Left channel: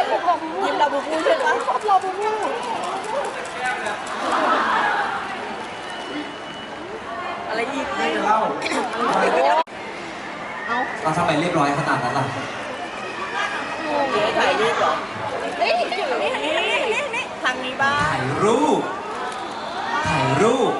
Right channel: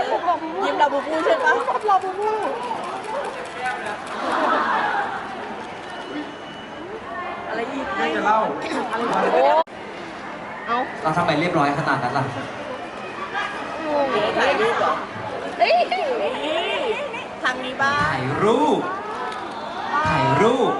ยิ้มลาบูบูใช่ไหมชอบเราบูบูอะไรอีกไม่เล่าเอาเราทำไมเรียบร้อยขนาดนั้นล่ะถ่ายรูปเหรอนี่นี่นี่ทางนี้บ้างถ่ายรูปถ่ายรูป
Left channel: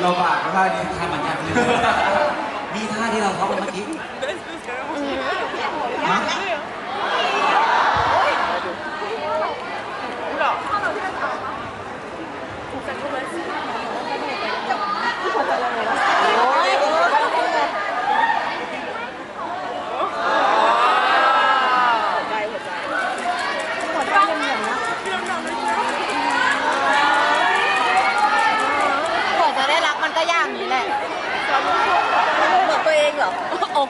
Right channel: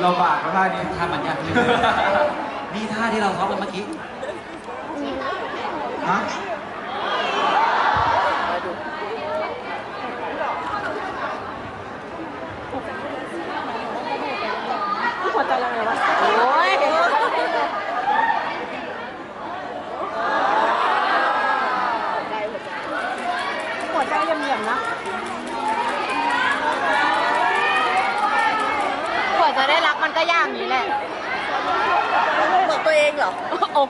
เราบากก็ได้นี่ท่ามันยากขึ้นนี่ท่าที่เราเข้าไปเมื่อกี้ฮะ โอ้ยหัวใจเหลี่ยมๆนะกว่าจะ ได้รักมันก็ยากนี้แหละ บอกตัวเองเหรอโอ้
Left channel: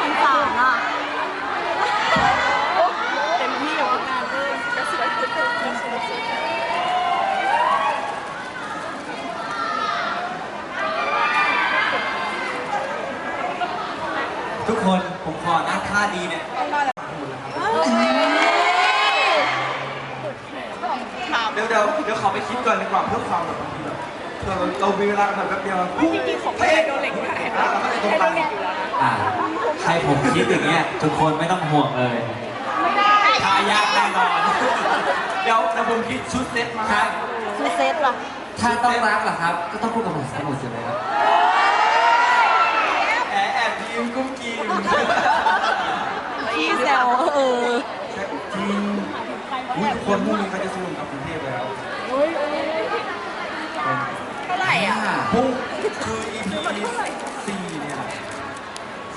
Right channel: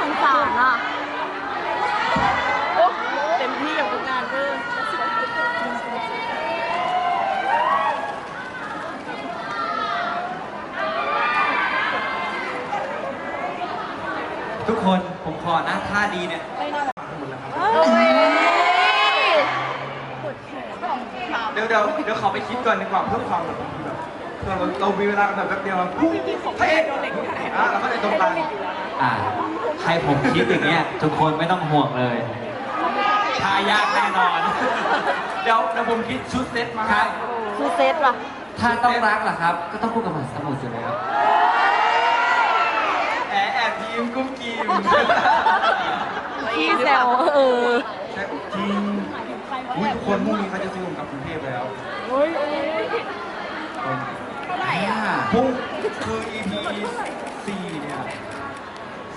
สงสารอะเต็มที่กับงานเรื่องจะสวยขึ้น ทุกคนผมขอนะท่าดีเนี่ย เดี๋ยวเดี๋ยวเดี๋ยวขอไปคิดก่อนดีกว่าเพื่อความแบบเพื่อเรามีเวลากันแบบแป๊บเดียวจริงๆของพระเอกโดนเหล็กได้แล้วก็เลยตรงกลางอ่าให้ผมคิดอย่างเงี้ยทุกคนไม่ต้องห่วงเลยท่ายากแน่นอนเดี๋ยวเดี๋ยวผมคิดชุดเซ็ตมาครับคือเซตเหรอถ้าต้องรักล่ะครับ ก็ต้องพูดกับหมหาสมุทรอยู่แล้วแอบแอบยิ้มกุ้มกิ้มพี่แซวเออใช่จริงอุ้ยทุกคนพรุ่งนี้เขาจะซูมกับกรุงเทพแล้ว เท่าไหร่อะพรุ่งคือ EP สี่เนี่ย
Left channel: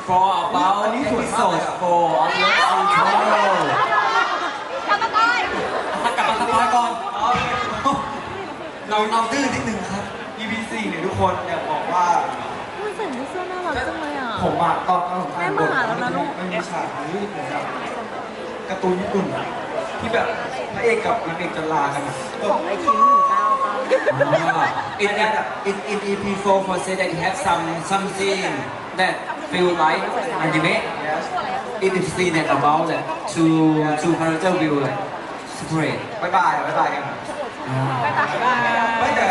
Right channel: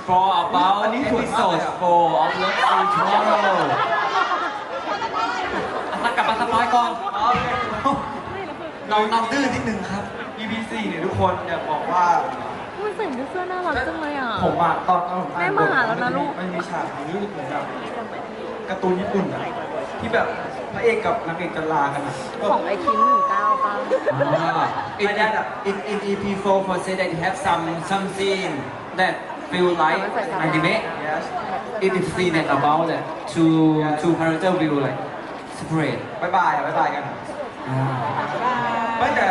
For about อันนี้สวยมากเลย episode อะ4 of Love and Tomorrow ถ้ากลับมาสปอยก่อน เราเราดื้อนิดนึงครับ EP สี่เนี่ยทุกคนอยากบอกว่ามันใส่เสื้อน่ารักจังเลยอะ ผมอะตอนตอนผมอ่านบทแม่มาหาแล้วนะลูก มันมีฉากนี้เหมือนกับการ์ตูนญี่ปุ่นอะ ที่แบบพระเอกกับนางเอกจะลากันอะของไอคิมหนึ่งเก้าป้า in, in, in EP 4 for say that you have some something that feel like anime Yes it is seen that about that two two character will like separate บายบายอะบายบายกันอะอ่าไม่แต่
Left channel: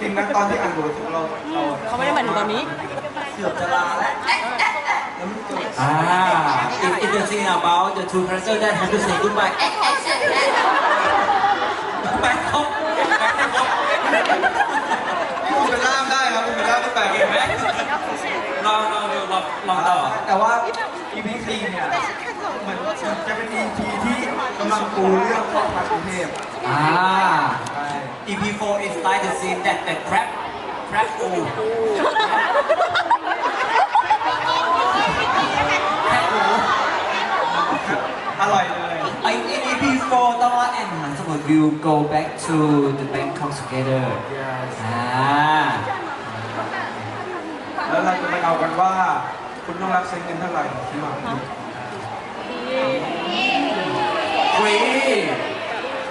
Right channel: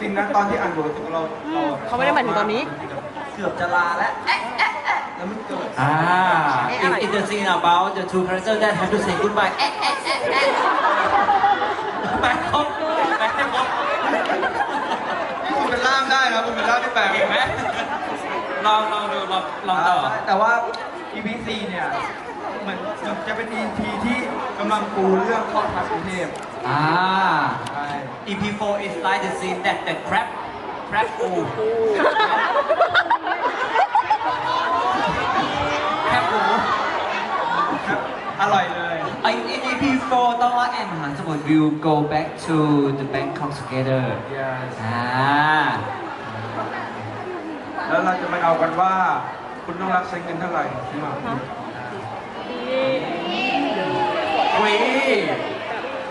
จริงนะตอนที่อ่านบทเราเราเขาไม่ได้หมายถึงตอนนี้ เกือบจะลาแล้วเอ๊ะเอ๊ะเอ๊ะแล้วมันเกิดอ่า it it is seen about the two character that have to say goodbye เอ๊ะเอ๊ะเอ๊ะเอ๊ะแปลครบแปลให้ครบคุณเป็นล่ามได้นะคุณเป็นล่ามที่แปลกเห็นไหมลองลองดูลองลองต่อแต่ว่า EP 4เนี่ยเหมือนจะเป็น EP ที่กำลังปูเรื่องครอบครัวกรุงเทพอ่าใช่ EP 4 is like the scene that that crab crab ปู แคบหมู อร่อยเลย ไอ in EP 4ต้องว่าแอนมหาสมุทร will go back to the Bangkok together Yes อ่าแล้วเราจะไปเอากันว่า คุณต้องรักใช้เงินเท่าไหร่ที่มาฟรี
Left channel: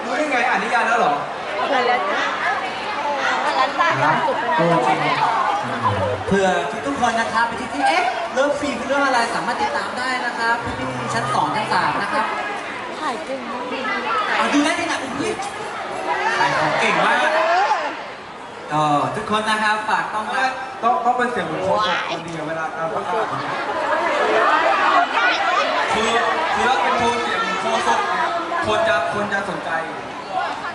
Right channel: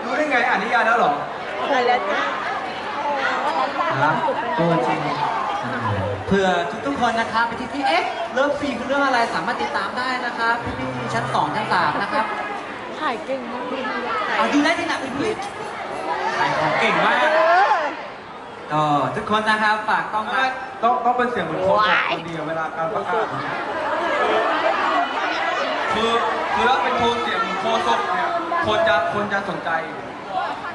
รู้ได้ไงอ่านนิยายแล้วเหรออะไรแล้วอันนั้นตาความสุขไปเออนะจริงเผื่อทุกๆคนนะครับไปที่ที่เอ๊ะเลิฟฟรีคือเรื่องอะไรสามารถติดตามได้นะครับพี่ๆชั้นสองชั้นสามนะครับ ถ่ายเก่งมากเอาดูได้ที่ไหนอุ้ยขายของเก่งมากเออทุกคนนะครับฝากต้องรักต้องต้องเป็นเสียงเหมือนโค้ชคนเดียวเวลาการประกาศเนี่ยคือคือถ้าเป็นโทนเสียงโคศกเนี่ยคนจะคนจะสนใจ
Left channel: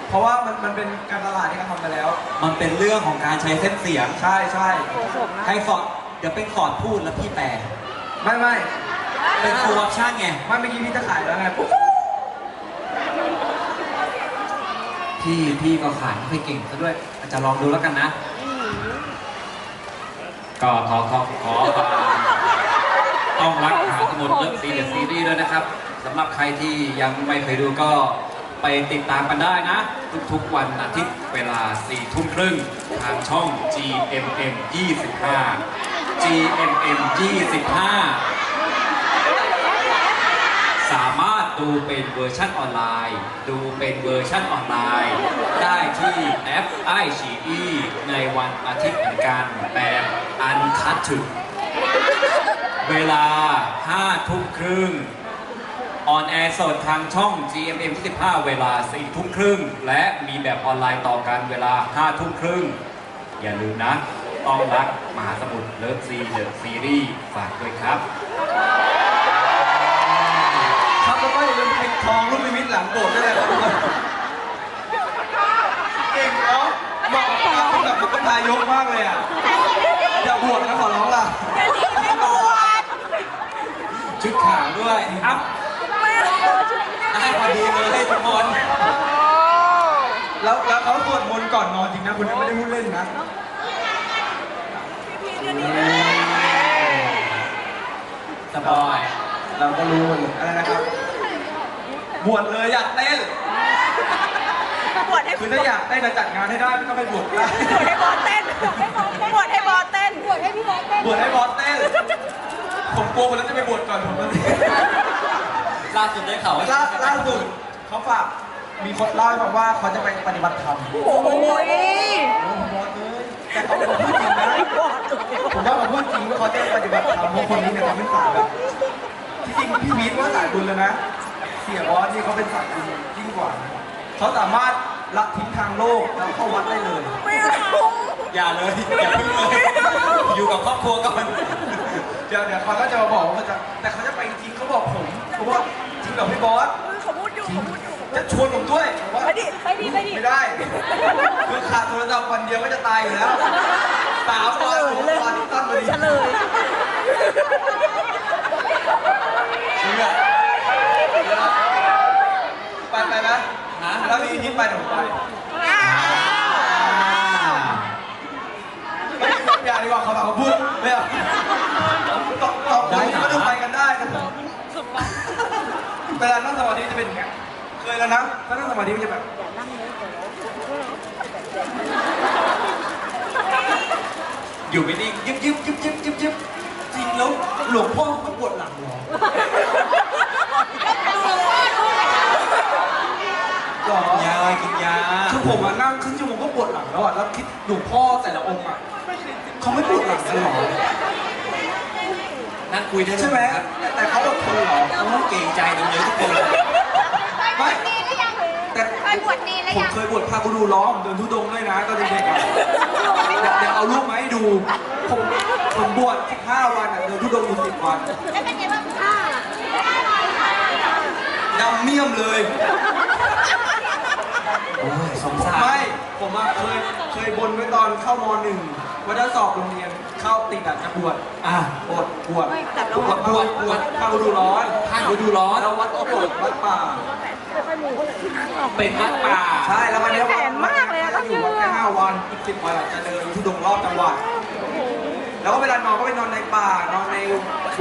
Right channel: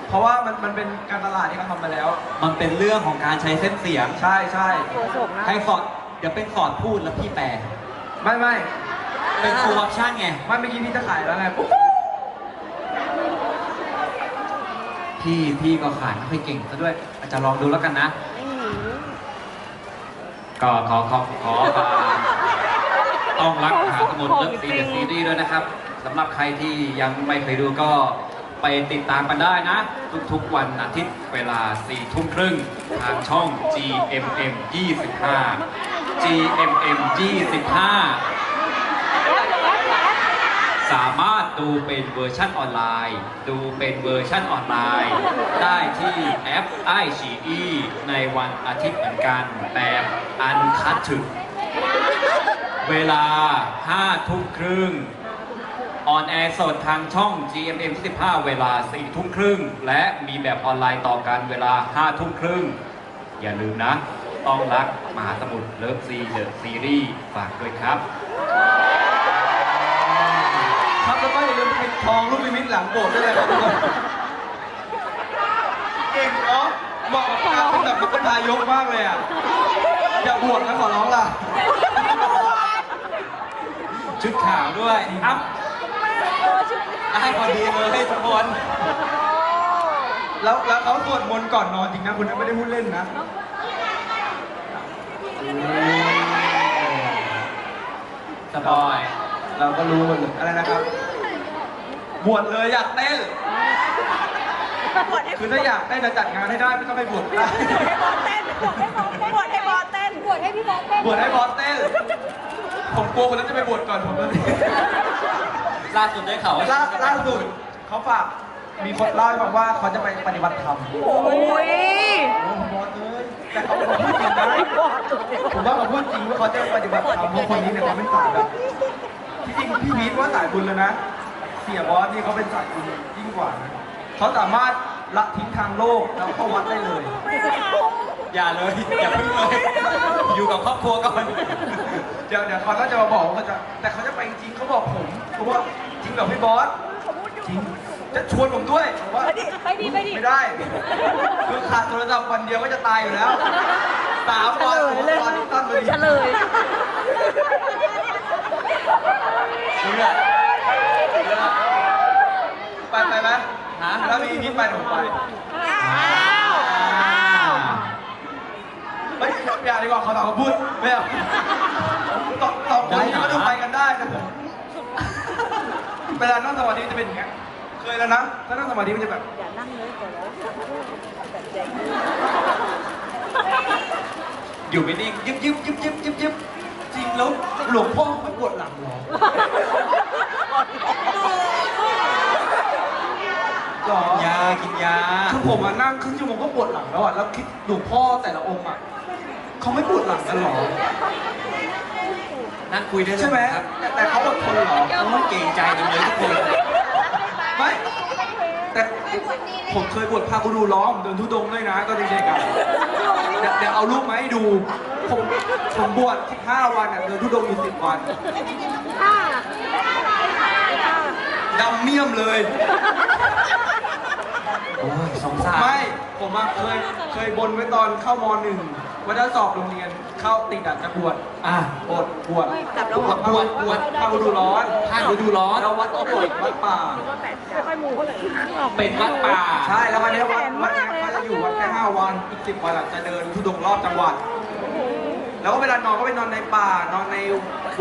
เพราะว่ามันมันเป็นการตลาดที่เขาทำมาแล้ว มันเป็นเรื่องของการใช้เส้นเสียงใช่ใช่โคศกนะให้ฟอร์ดเดี๋ยวเป็นฟอร์ดพูดแล้วพี่แปลไม่ไม่เป็นฟูลออปชั่นไงไม่เมื่อกี้พี่จะขายแล้วไง พี่พี่ก็ขายไม่ค่อยเก่งซะด้วย อาจจะลองดูแล้วกันนะ ก็ขอขอขอต้องรักหาสมุดเลิฟซีซีรีส์ด้วยนะครับสำหรับใครที่ยังไม่เคยดูก็ไปติดตามกันได้นะ ทุกๆวันอาทิตย์เวลา4ทุ่มครึ่งทางช่อง GMM 25 GMM 25 สามารถดูเป็นเวอร์ชันออนไลน์ ดูเป็นเวอร์ชันออนไลน์ ได้ที่แอป i อ e ในวันอาทิตย์เหมือนกันแบบอันคัดถึง เวลา5ทุ่มครึ่งออนแอร์สดทางช่อง GMM 25เวลา4ทุ่มครึ่ง และมีแบบออนไลน์ต่อกันเวลา5ทุ่มครึ่ง อย่าลืมนะ ต้องรักมหาสมุทรเลิฟซีเดอะซีรีส์ฝากด้วยครับ ครับแล้วก็อย่าลืมปิดทองรูปนิมิตหลังโบสถ์ด้วยนะครับทุกคนเก่งเนาะเหมาะกับการเป็นแบบเป็นนายกมากเลยอะอย่าบวชนะขอร้องล่ะชุดขาวด้วยครับให้พอดีเลยทุกคนแล้วแล้วเขาสวดมนต์ก่อนนอนจริงนะคุณไม่ได้พูดเล่นนะสปอยเราก็รู้หมดเลยอะไรนะครับ บวชเลยอยากเต้นบวชให้คือถ้าอยากเต้นจะจัดงานให้ได้ก็ไปบวชได้บวชให้บอสเต้นบวชให้บอสเต้นบวชให้พี่บอสเต้นบวชให้บอสเต้น ผมกลัวคนนั้นจะไปบวชก่อนผมตอนนี้ล่าสุดได้ข่าวว่าล่าล่าสุดเขาฝากมีคนเล่าให้ฟังว่าเขาจะไปปฏิบัติธรรม โอ้ยโอ้บอสเลยแต่เขาเป็นพูดจริงนะผมว่าเขาพูดจริงว่าเขาจะปฏิบัติธรรมเพราะคนนี้เนี่ยเขาเป็นสายแบบที่จริงพี่พีทว่าสายบุญแล้วนะ เสียบอสนี่เขาเป็นสายบุญยิ่งกว่านะเขาสามารถละทิ้งทางโลกแล้วเข้าวัดได้เลย ไม่เอาอย่าเลย อย่าพึ่งเลย อยู่กับครอบครัวก่อนเดี๋ยวเดี๋ยวเขาก็จะมาบอกว่าเขาจะแต่เขาจะไปจริงเขาบอกผมเขาบอกจริงเหรอพี่บอสเขาพูดอยู่เขาพูดอยู่จะชวนผมด้วยผมว่าไปดิไปดิไปดิไม่ได้คือขาดโทรศัพท์วันเดียวก็จะตายอยู่แล้วสามวันสองวันตั้งเลยเฉลยจริงอะ ไปไปไหมฮะแล้วมียิ้มไปเดี๋ยวผมไปอ้าวไม่อย่าดีกว่าเขาถามมาพูดไม่เอาตอบตอบคนนี้ก็ต้องไปกันได้ครับผมเวลานั่งสมาธิจะเป็นอย่างเงี้ยเคยแล้วนะถ้านั่งสมาธิมันจะแบบอย่านั่งเลยเดี๋ยวเราอยู่ไม่นิ่งยึบยึบยึบยึบยึบยึบจริงแล้วหลวงพ่อไม่ปวดหลังหรอหรอยากินยา คือ ผมมานั่งครึ่งชั่วโมงก็ปวดหลังแล้วอะแล้วคิดหลวงพ่อแต่ละองค์อะเขาไม่ปวดหลังกันหรอนั่งคุยได้เลยใช่ไหมครับแต่แต่เขาอดทนเหรอโอ้เก่งใจจังเลยทุกคนไม่แต่ผมเคยบวชพากูดูล้อมเดินทุดงค์ด้วยนะก็เด็กๆอะเดี๋ยวเดี๋ยวเอารูปมาให้ดู ผมผมบวช15วันอะเดินทุดงค์อยู่10วันดำเมี่ยมเลยโอ้ย สงสารไม่ ผมอะเคยเคยบนไว้ตอนเข้ามหนึ่งว่าจะสอบโรงเรียนเข้าติดอะจะบวชอะบวชบวชแต่เราบวชบวชบวชพากูดูร้อนท่านฤดูร้อนแล้ววัดก็บวชวัดป่า เป็นวัดป่า ใช่แล้ววันนี้วัดแสนมากเลยอะจะอยู่วัดแค่ห้าวันอีกสิบวันอะจะเดินทุดงค์รอบจังหวัด แล้วก็เวลานอนก็ไปนอนในป่านอนใน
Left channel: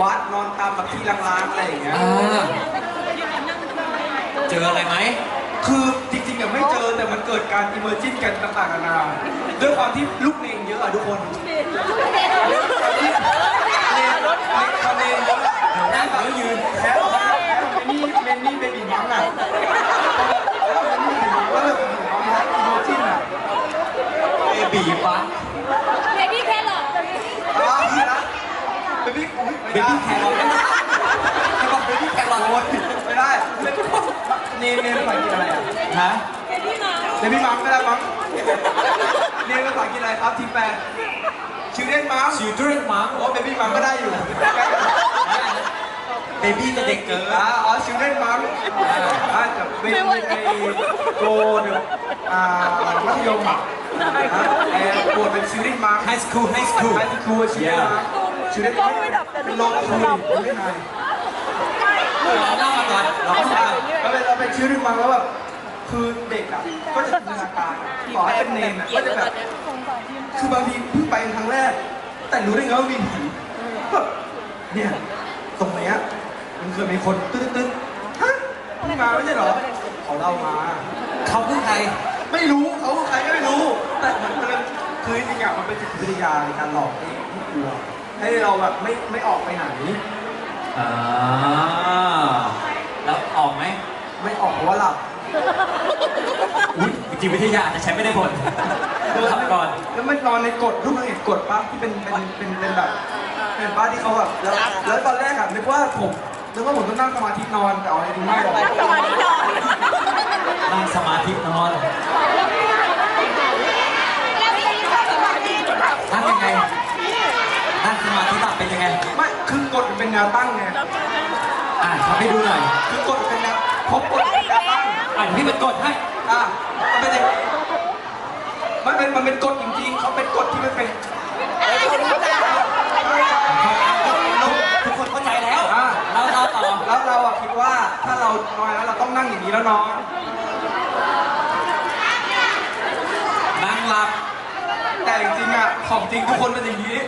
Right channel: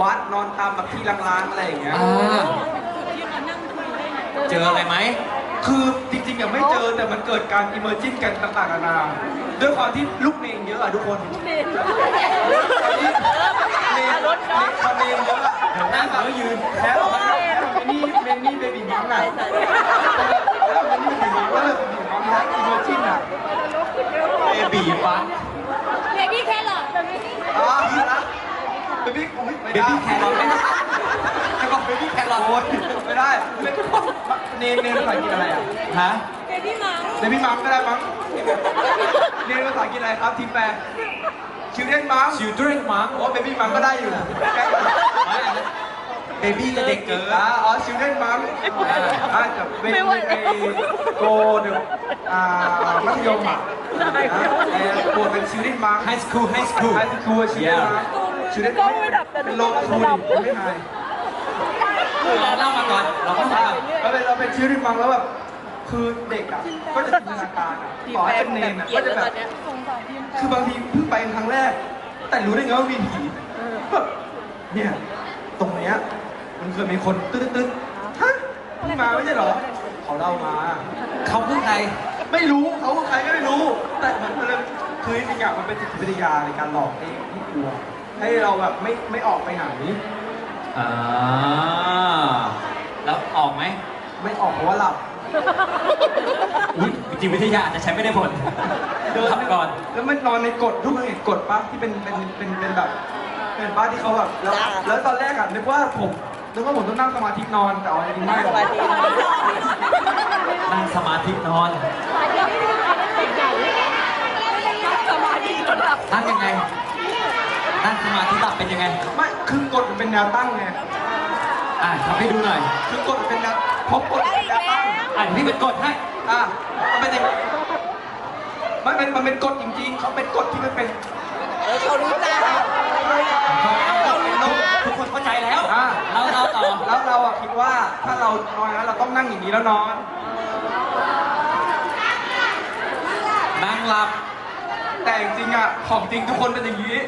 วัดนอนตามแบบที่ล้างๆอะไรอย่างเงี้ยอ่าเจออะไรไหม คือจริงๆอะไม่เจอแต่มันเกิดการอิมเมอร์จินกันต่างๆนานาด้วยความที่ลูกเมงเยอะอะทุกคนเมนรถเมนคอนเนนเยอะอะ เดี๋ยวนั่งแล้วยืน แล้วเมนี่เมนี่เบบีมังอะแล้วเมนี่เบบีมังก็เลยเป็นมังนะอิมเมอร์จินอะ เบบีฟัง เบบี้แครอท อ่านะเบบี้อุ๊ย เบบี้แครอทให้บอกเบบี้แครอท โอ้ยไม่ได้ไม่เนมเนมภาษาอังกฤษอะไรอะ ฮะ เบบี้มา เดบี้มังไม่ได้มังเรียนภาษาอังกฤษอะไร ครับทีมแปลชิลเดนมัง children มั้งโอ้เบบี้มังก็ได้อยู่เบบี้จะเด็กเกินอ่าอ๋อชิลเดนมังอ่าจะเบบี้ไอโกเดอ่ามัธยมอะแอร์บวชเป็นชิลเดนมังไฮสคูลไฮสคูลไฮสคูลชิลเดนมังชิลเดนมังเป็นโลกคูลไม่ไงเล่ามาก่อนเราก็ฟังเราเป็นเราเป็นชีวิตที่ฟังแล้วแบบ คือเด็กอะก็จะจินตนาการต่อให้เป็นเนนอะก็จะแบบคือบางทีเพิ่งไปครั้งแรก แต่รู้ได้ไงว่ามีผีแบบเนี่ยตรงเนี้ยมันเคยมีคนตึ๊ดตึ๊ดๆฮะเพิ่งมาไม่ใช่เหรอเขาเล่ามา เขาคือใคร ไม่รู้เขาคือใครก็ไม่รู้ แต่มันเป็นคือจริงๆอะมันเป็นจิตวิทยาในการหลอกให้ให้กลัว ให้เราแบบไม่ไม่ออกไปไหน อ่าแล้วออกไหม ไม่ออกเพราะว่าหลับ อุ้ยจิตวิทยาอาจจะใช้ไม่ได้ผลดูขับก่อน แล้วมันนอนในกฎรูปเห็นกฎปะที่เป็นเป็นเป็นเป็นแบบเป็นป้าที่เขาแบบแล้วแล้วตอนแรกอะนึกว่าผมนึกว่าผมต้องนั่งสมาธินอนแต่เอาจริงๆไม่หรอกสมาธินอนนั่งสมาธินอนนั่งยังไงนั่งสมาธิหลับเป็นยังไง ไม่คือกฎมันเป็นแนวตั้งไง อะทำให้ดูหน่อยคือกฎมันเป็นแนวพบกฎเป็นแนวตั้งอะพี่เป็นกดให้อะมันเป็นอย่างนี้มันเป็นมันเป็นกฎจริงๆเขาเป็นกฎที่มันเป็นเขารู้จักทุกคนเข้าใจแล้วอะเราเราต่อแล้วเราอะคิดว่าถ้าเรานอนแล้วเราต้องนั่งอย่างนี้แล้วนอนนั่งหลับ แต่จริงๆอะของจริงทุกคนเป็นอย่างนี้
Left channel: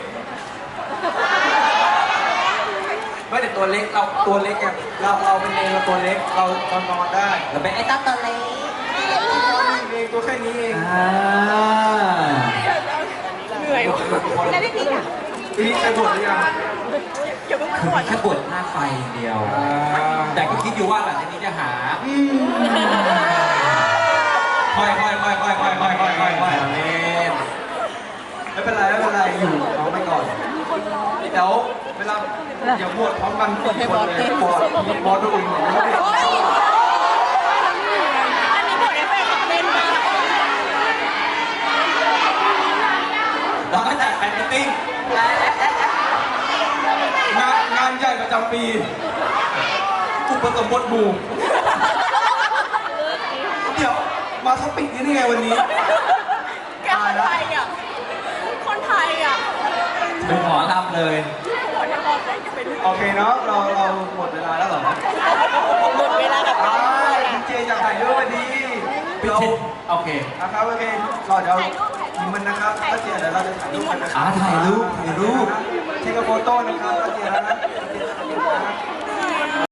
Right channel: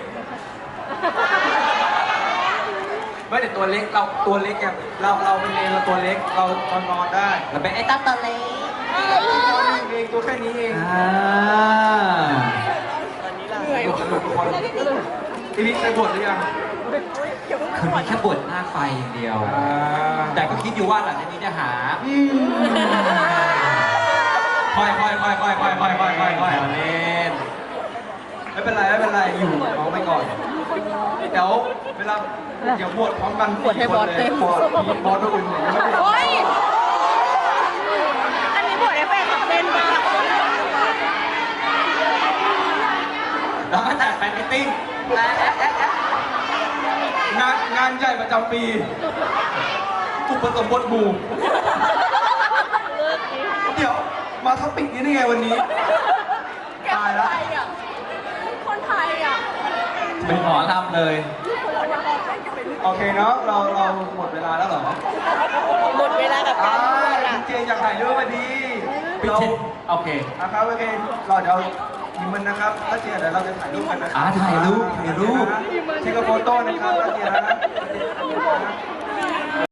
ไม่แต่ตัวเล็กเราตัวเล็กอะเราเราเป็นเองเราตัวเล็กเราเรานอนได้เราเป็นไอ้ตั้งตะเลนอนนิ่งเองตัวแค่นี้เองอ่าเหนื่อยว่ะทุกคนทีนี้ไปบวชหรือยังอย่าเพิ่งคือปวมีดแค่บทหน้าไฟอย่างเดียวอ่าแต่ก็คิดอยู่ว่าหลังจากนี้จะหาอืมค่อยค่อยค่อยค่อยค่อยค่อยค่อยค่อยค่อย เล่น ไม่เป็นไรไม่เป็นไรอยู่น้องไปก่อนเดี๋ยวเวลาอย่าบวชพร้อมกันสี่คนเลย บวชพีบอสตัวอื่นเนี่ยไม่ได้โอ๊ยอันนี้บทเอฟเฟกต์ของเต้นมากเราก็จัดแฟนมิทติ้งงานงานใหญ่ประจำปี อุปสมบทหมู่เดี๋ยวมาท็อปิกนี้ได้ไงวันนี้ แกคนไทยอะ คนไทยอะ เป็นหมอลำเลยหัวจะบอกได้จะไปเรื่องโอเคเนาะเราเราหมดเวลาแล้วเหรอหมดเวลากับอ่าการพูดคุอะณเจอยากถ่ายรูปพอดีปิดเราเช็ดโอเคนะครับโอเคเราเดี๋ยวยิงมันนะครับถ้าเจเดี๋ยวเราจะถ่ายรูปกันนะครับอ่าถ่ายรูปถ่ายรูปเทคโฟโต้นะครับถ้าเจนะ